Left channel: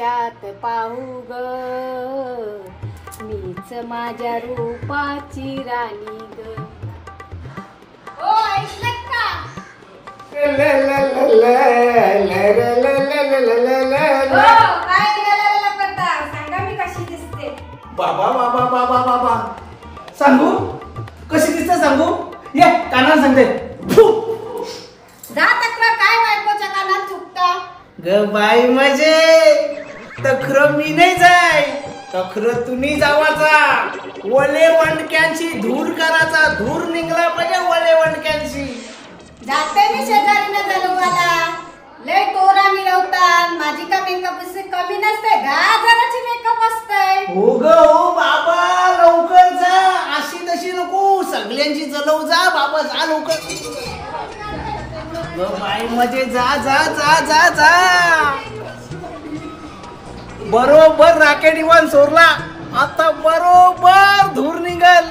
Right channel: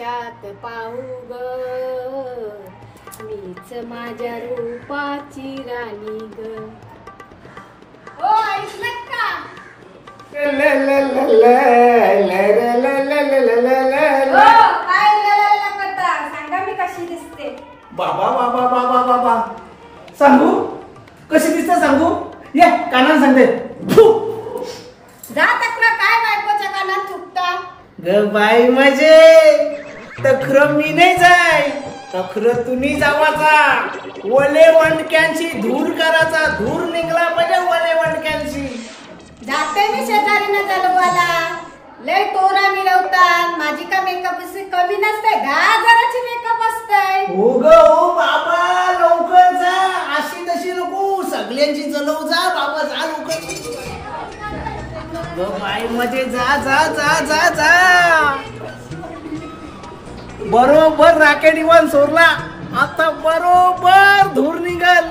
आरशात पाहू ग, मीच माझ्या रूपाची राणी ग. ओ ऐकलत का? सांगा मी कशी दिसते. बाबा बाबा बाबा बाबा सांगू कशी दिसते सांगू. ये कानाला सांगते. जा तक्रार काय बायकोच्या कानात चुकता ग बाई मजे तखर मी नाही जाय, तखर तुम्ही जावाचा. वले वंडक्यांची धूर करायचा, धूर निघला पाहिजे वले वंडक्यांची. जाते मी शेजारीने जलवाला, लय तोरा मिळवतात. माझी का मेकअप कमी नसते, 10,000ची मेकअप असते. हो ग हो बाबा लवकर जा, अशी तशी नको सगळ्यांची जलव जा बाबा, जा लवकर. ग बाई मध्ये जा जा जा जा जा. बरोबर राकेट इवन सोरला, आता बरोबर धूर निघल.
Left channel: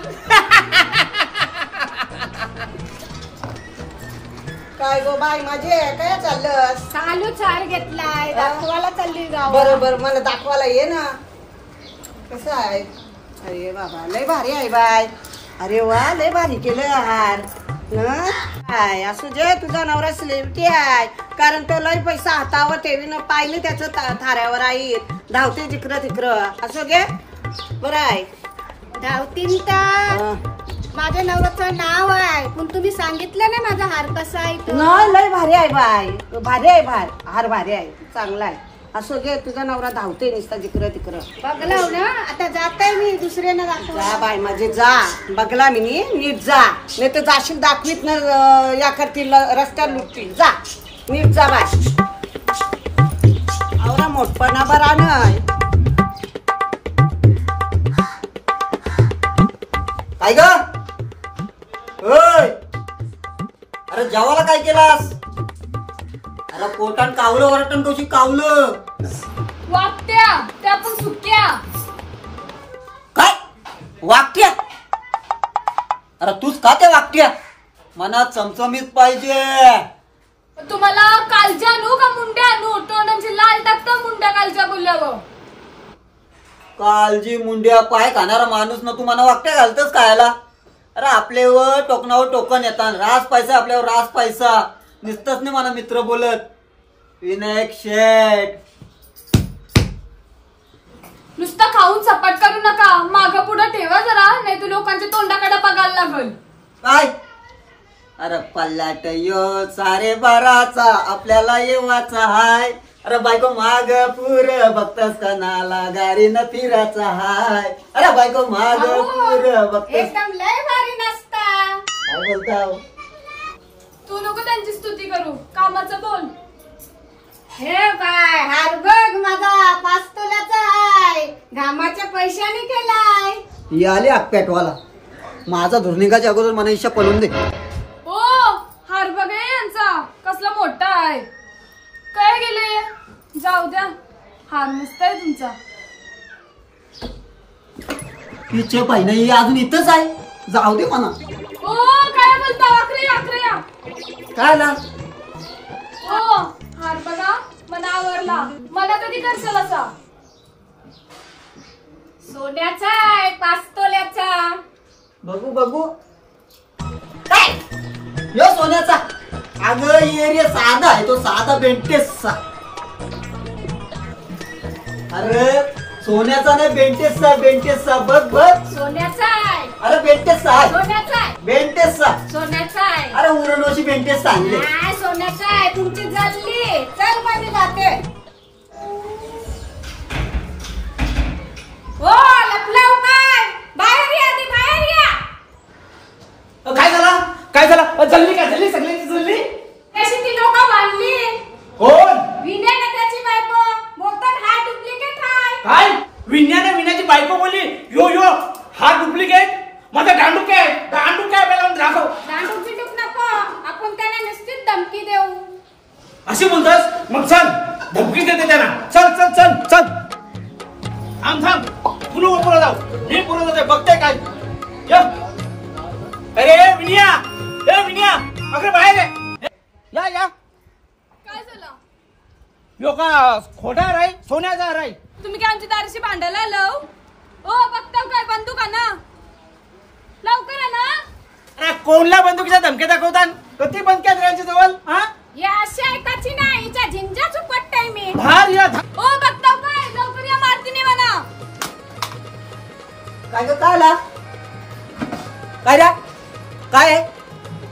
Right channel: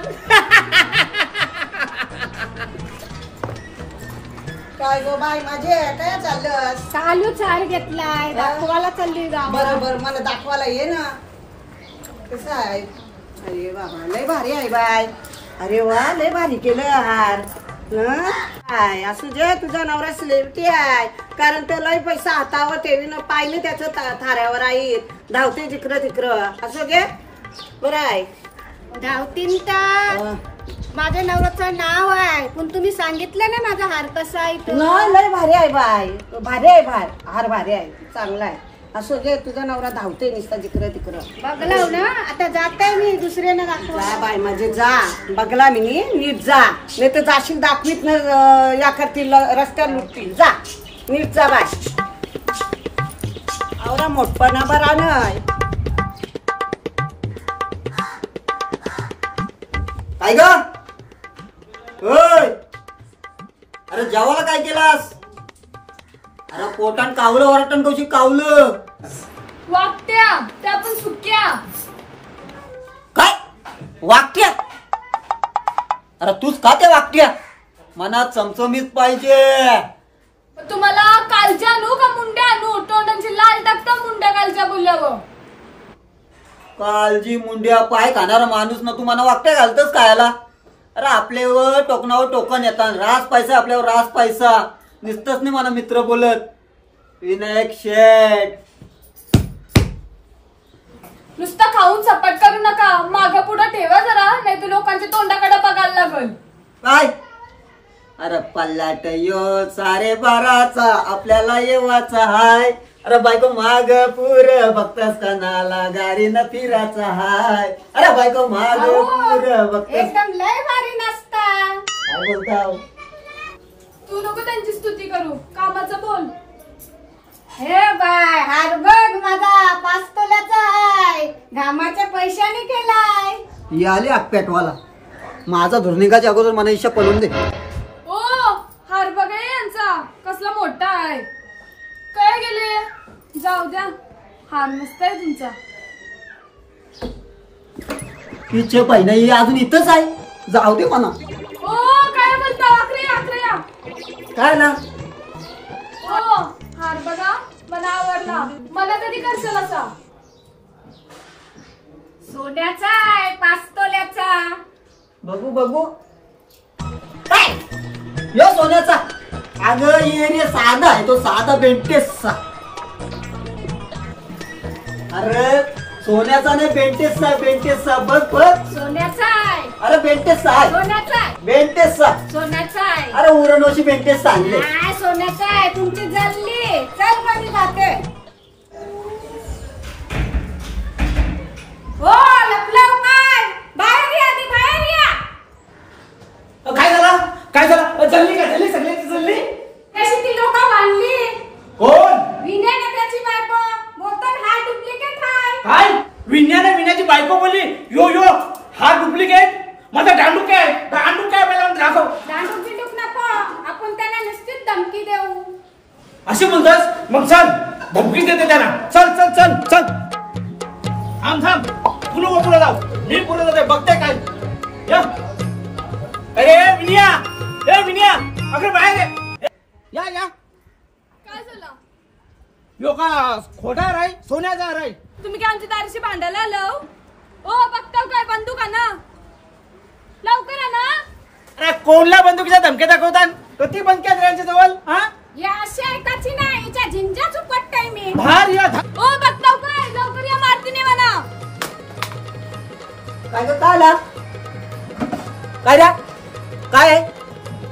काय गो बाई माझे काय चाललं. चालू चाय घेतलाय, दाखवायला चालली गाव. बरोबर मला दाखवायला ये ना. कसं आहे. अरे बाबा लय भारी आहे बाय. अरे वा लय भारी केलं हार. काय असू जे तुझा नवरा सेलिब्रिटी आहे, कारण तो लय पैसा हातावर ठेवीनं पाहिलं त्याचं थाऱ्यावर आहे. धावते जिकडं तिकडं असं घे बरं आहे. धावतीन तर माझ्या नवऱ्याचं नाव आहे, पण तुम्ही सांगितलं ना माझा हार कसा आहे तो. नाही लय भारी आहे बाय, भारी आहे हार भारी आहे, चांगला आहे. असं घे तुझा नवरा धावते नुसता जिकडं तिकडं. बघलाव ना आता जाताय मी दुसऱ्यानं दाखवा. जा बाय माझे जा, बघला मी नीट जा, नाही तर जाशील दाखवीत ना या करतील रस्त्यावर लुटतील. जा नीट जा बाय. आवरा मोठपणा बरा नाही. काय ग अरे जेवायला काय केलास. अरे पोटान कावलं वरटण कशी कावलं. वागत्या त्या पण सुक्या. काय वागत्या. अरे तूच का त्या वागत्या. मनात चमचमीत पाहिजे. तुम्हाला कालच्या आणू का मुंड्या आणू. तोंडांची लाल टाकता मुंड्या कालच्या बोलल्यावर. कालजी मुंड्या पाय खाणारा माणूस ना तू मना वागत्या घालतस कायला. अरे आपल्यावर टोकनावर टोकन येतात. रास पैसा आपल्यावर रास पैसा. नुसतंच नाही मला मित्र बोलत. विनायक शेठ नुसतं खाऊन सपाट करू नका. माग पुढे ठेवा जरा, नाही तर लोकांच्या तोंडाकडे बघायला लागल. काय अरे पल्लाट यो सारे बाराचा आपल्याला येवाचा हाय. अरे बायको माग पुर बघतास कनाला गाडी न फिराचा हाय. अरे बायको माग पुर बघतास. एकदम लय भारी नसता. काय बोलताव. तू नको त्यांची स्तुती करू, कामाचं बोल. हे बाय हार बघ माझा 5 तोल्याचा आहे, घामाच्या पैशाने केलाय. ही आली आकपॅटवाला. माझा धुर्निकाच्या अगोदर मला इच्छा पळून दे. ओ हार बघ यांचा कसला मोठा आहे. काय गेले जाऊ द्या. हार मस्त आहे तुमचा. तिचे बहिण ही अजून इथंच आहे. जाऊ दे म्हणा. ओ काय बोलता. आखरे काय ना ओ हार बघा मला आवडला. मला कधी करशाल असा. सोन्याचा आहे 5 तोल्याचा. बघू बघू. काय यो सोन्याचा. अगं ये रे साधा आहे तो, साधा बेंटेसचा. अरे सोन्याचा नाही बेंटेसचा. बेंटेसचा बघ बघ. सोन्याचा आहे. अरे बेंटेसचा आहे. सोन्याचा आहे. बेंटेसचा. सोन्याचा आहे. अरे उरणोशी बेंटेस आणले. नाही सोन्याचा आहे. तुमची जल्ली चल मध्ये जाते. हो लपलाव काय. बाहेर या आधी बाहेर या. काय झालं काय झालं. जल्ली काय झाली सगळ्यांची जल्ली. कशी ती लोक बांधली. कोण. विनय ना त्याची बायको बोलतात हा डुप्लिकेट आहे. काय विण्याने विण्याची बायको बोलली. यो यो हा डुप्लिकेट. माझा दांडू काय पहिला दाखव. दांडूक बिंडूक नको, आपण त्यांना निश्चित धमकी देऊ. अशी बोलतोस. मग चल धमकी देते त्यांना. चल चल चल चल. थांब तुला पुढे जाऊ. मी पुढे जाते बघते काय. अरे विनिया अगं बाहेर या. काय झालं. लोक खोटा आहे सोन्याचा आहे. तुम्ही काय आमची दारीशी भांडायला आलो? ओ बघताव काय बंदूक ना लवकर ना. अरे कोणला बंदुकीच्या धमक्या दाखवतात? कधी बंद केलं यांच्या जवळ? हा या अशा एकाची नाही हिच्या झिंजाच उपटताय मी. भार या ओ बघताव काय लवकर या मारतीने म्हणा. काय ग काय आला काय रा काय आहे?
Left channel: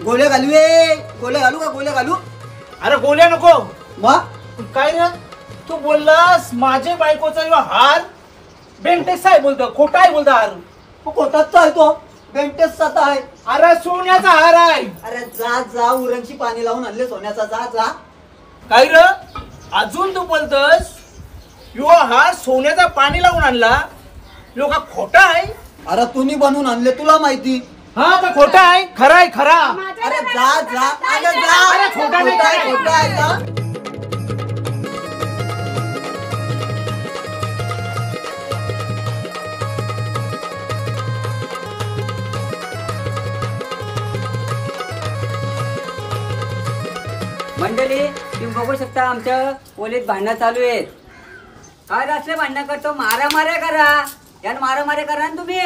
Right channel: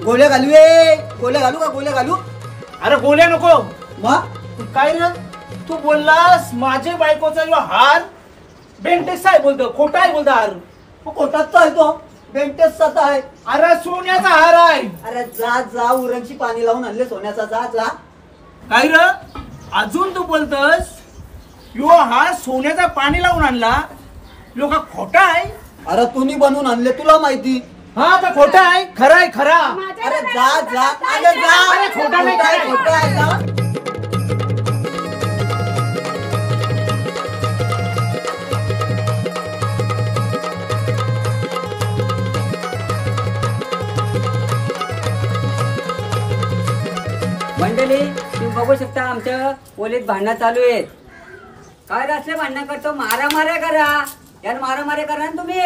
गोळ्या घालू गोळ्या घालू का गोळ्या घालू? अरे गोल्या नको. मग काय रे तू बोललास माझे बायकोचा जो हार बेंटेक्स आहे बोलतो, खोटा आहे बोलतो हार. कोटाचा आहे तो बेंटेसचा आहे. अरे सोन्याचा हार आहे. अरे जा जा उरणची पाणी लावून आणले सोन्याचा. जा जा काय र अजून तू बोलतस यो हा सोन्याचा पाणी लावून आणला यो का खोटा आहे? अरे तुम्ही बनवून आणले तुला माहिती. हा तर खोटा आहे. खरा आहे खरा. अरे जा जा अरे जा. अरे खोटा नाही, खरं आहे. खोटा आहे जा. मंडळी तुम्ही बघू शकता आमच्या ओलीत भांडणं चालू आहेत. काय असले भांडणं करतो? मारामाऱ्या करा यानं मारामाऱ्या करा ना तुम्ही.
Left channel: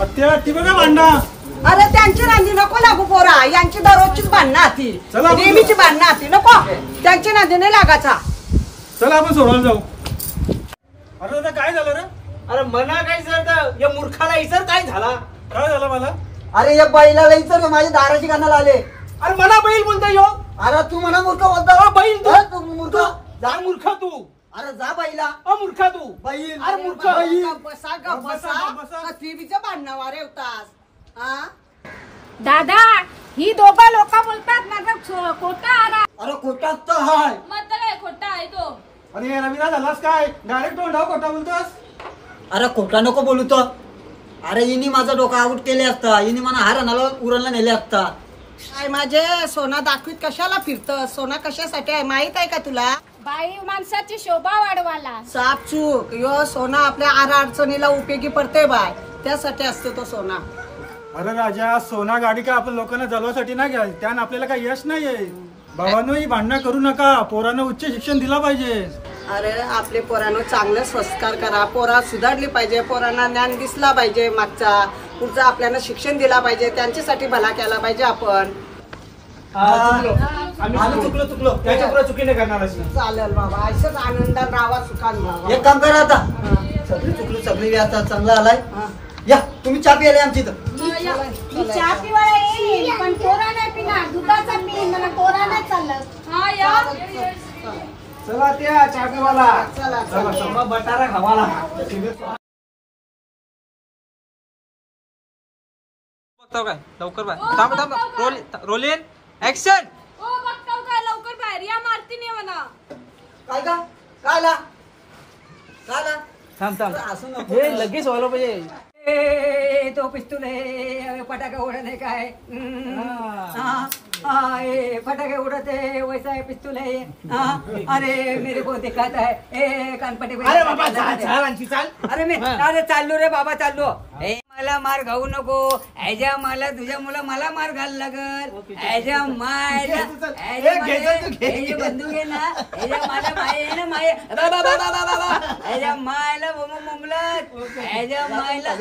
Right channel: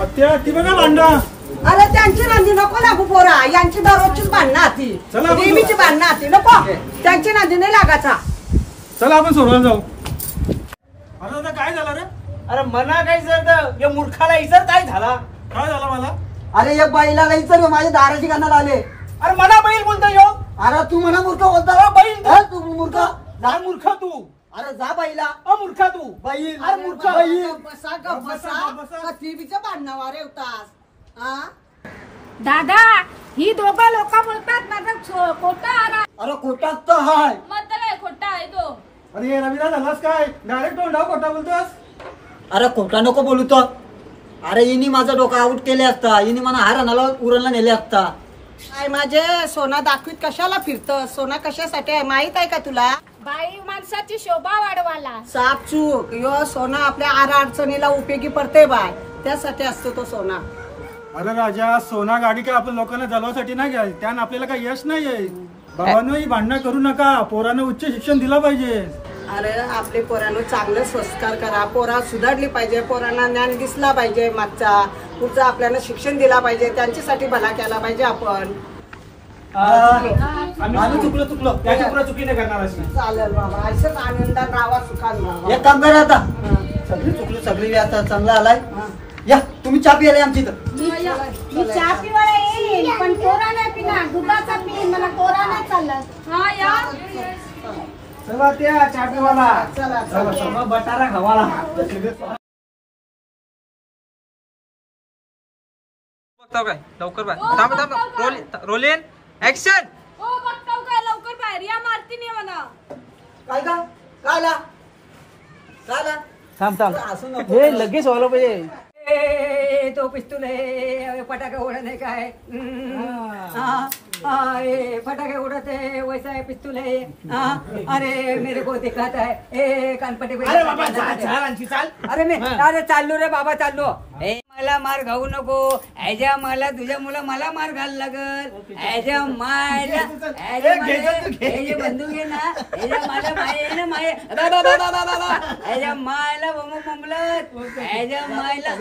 अत्या ती बघा भांडा. अरे त्यांची नांदी नको लागू पोरा. यांची दररोजचीच भांडणं आती, चला आपण नेहमीची भांडणं आती. नको त्यांची नांदी नाही लागायचा. चला आपण सोडून जाऊ. अरे दादा काय झालं रे? अरे मना काय झालं? या मूर्खाला इतर काय झाला? काय झालं मला? अरे या बैलाला इचर माझ्या दाराची कानाला आले. अरे मला बैल बोलता यो. अरे तू म्हणा मूर्ख बोलता. बैल तू मूर्ख. जा मूर्ख तू. अरे जा बैला. मूर्ख तू. बैल. अरे मूर्ख. बसा ग बसा. टीव्हीचं भांडणं वारे होतास. हा दादा ही दोघं लोक बोलतात माझा खोटा आरा. अरे खोटाच तर हाय. मतलब आहे खोटा आहे तो. अरे रविरा झालास काय? डायरेक्ट तोंडावर खोटा बोलतोस. अरे खोटा नको बोलू तर. अरे इनी माझा डोका आउट केले असता. इनी मला हार आणायला उरणला नेले असता. काय माझे सोना दाखवीत कशाला फिरतं? सोना कशासाठी आहे माहित आहे का तुला? बाई माणसाची शोभा वाढवाला. साप चूक यो सोना आपल्या अडचणीला उपयोगी पडते बाय. त्यासाठी असतो तो सोना. अरे राजा सोना गाडी का आपण लोकांना जलवासाठी नाही घ्या. त्यानं आपल्याला काही यश नाहीये. बाबांनो ही भांडणं करू नका. पोरांना उच्च शिक्षण दिलं पाहिजे. अरे आपले पोरांनो चांगले संस्कार करा. पोरा सुधारली पाहिजे. पोरांना ज्ञान दिसला पाहिजे. मागचा पुढचा आपल्याला शिक्षण दिला पाहिजे. त्यांच्यासाठी भला केला पाहिजे आपण. आम्ही चुकलो त्याच्या पुढे चुकी नाही करणार अशी. चालेल बाबा असंच आनंदात राहा सुखात. एक काम करा आता. सगळी चुकलो सगळी आता चांगला आलाय. या तुम्ही चहा प्यायला आमची इथं. मी चहा पिवायला येईल पण कोरा नाही पिणार. दुधाचा पिईन. मला कोरा नाही चालत. हा या चला त्या चाटवाला. चला मग बटारा खावाला. काय लवकर बाहेर. थांब थांब. Rolling action. ओ बघताव काय लवकर बाहेर या मारतीने म्हणा. काय का काय आला काय आला? थांब असं नको. हे लगेच व्हायला पाहिजे. तो पिस्तूल आहे. फटाके उडत आहे काय? फटाके उडत है वैसा है पिस्तूल है. अरे मेरे को दिखाता है. ए कानपट्टी. अरे बाबा चाल आणखी चाल. अरे मी अरे चाललो रे बाबा चाललो. मला मार घाऊ नको. ह्याच्या मला तुझ्या मुलं मला मार घाल लागल. ह्याच्या मायला ह्याची बंदूक आहे ना. ह्याच्या मला माय आहे ना माय. ह्याच्या मायला ममलत. ह्याच्या मायला